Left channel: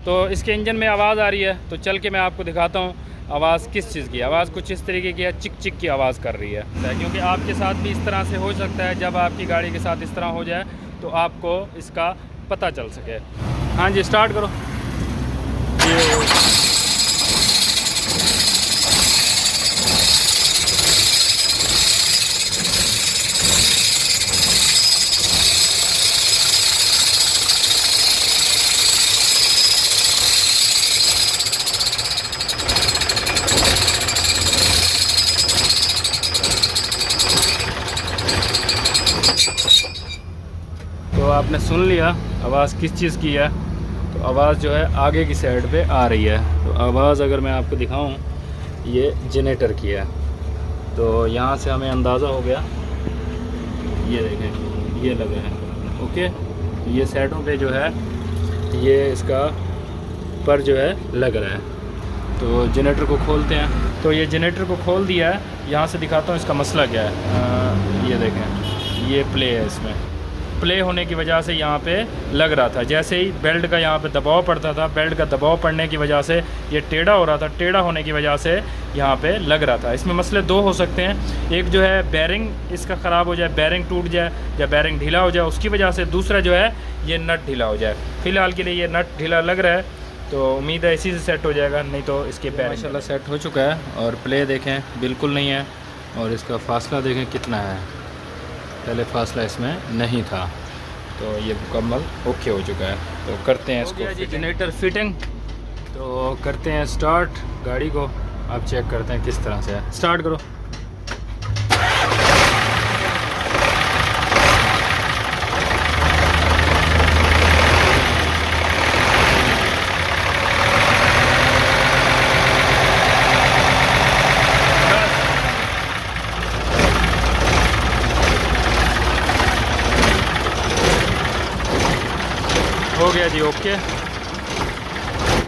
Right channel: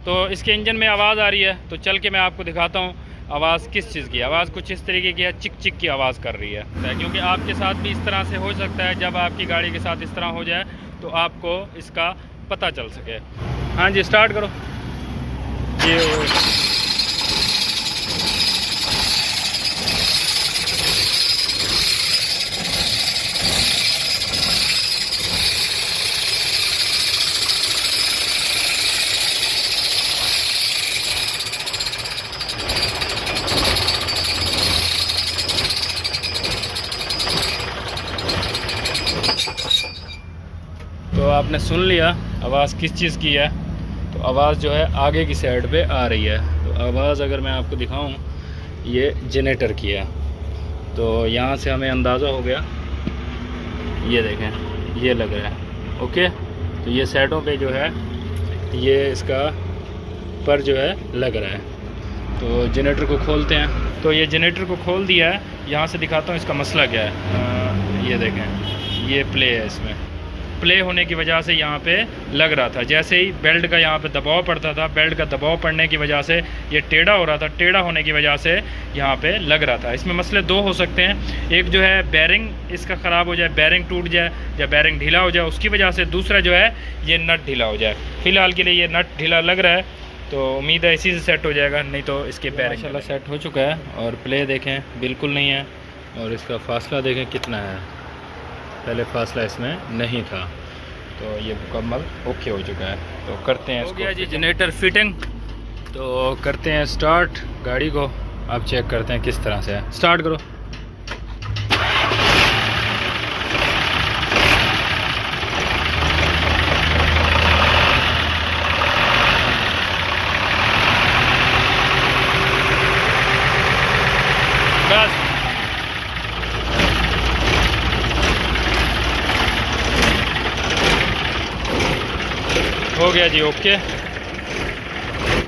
तो इसके इंजन में आवाज़ आ रही है, तो चल के मैं आपको दिखाता हूँ आवाज़ किस चीज़ की। आवाज़ कुछ इस तरीके की है, चिक चिक की आवाज़ कर रही है। क्योंकि आपके साथ भी इस तरह से हो सकता है, जब आपकी गाड़ी के साथ इस तरह हो जाए तो आपको इसका पता चल सके। हाँ जी, स्टार्ट करो। ये तो आपने सुन लिया आवाज़ किस चीज़ की है। तो आवाज़ जो है आगे की साइड पे आ रही है। तो आवाज़ अगर मैं आपको दिखाऊं, ये जनरेटर की है। तो यहाँ से हमें अंदाज़ा हो गया, ये देखें ये लग रहा है। ओके, तो ये साइडों पे जो है ये इसका पर जो है लग रहा है। तो जनरेटर को खोलते हैं। तो ये जनरेटर को खोल दिया है। यहाँ से दिखाता हूँ इसका मसला क्या है। ये देखें, ये प्ले है। इसमें प्ले होने की वजह से यहाँ पे लग रहा था। जैसे ही बेल्ट का यहाँ पे दबाव पड़ता था, बेल्ट का दबाव पड़ने की वजह से ये टेढ़ा हो रहा था। टेढ़ा होने की वजह से यहाँ पे लग रहा था। इसमें मसले दो हो सकते हैं। एक जो है बैरिंग इसका ख़राब हो जाए, बैरिंग टूट जाए या बैरिंग ढीला हो जाए उसकी वजह से। दूसरा जो है ये नट ढीला हो जाए। फ़िलहाल के लिए ये नट ढीला लग रहा है, तो उम्मीद है इसी से सेट हो जाएगा, नहीं तो इसके बैरिंग माशाल्लाह सेट हो चुका है। और प्ले देखें बिल्कुल नहीं है, और इसका फासला देखें कितना है। पहले फासला इसमें नहीं था। तो ये मुकम्मल ओके हो चुका है। तो करते हैं इसको। हो गया जी जनरेटर फिटिंग। तो करते हैं स्टार्ट गाड़ी को। आप चेक करते हैं किस तरह से है। स्टार्ट करो। बस हो गया जी, ओके।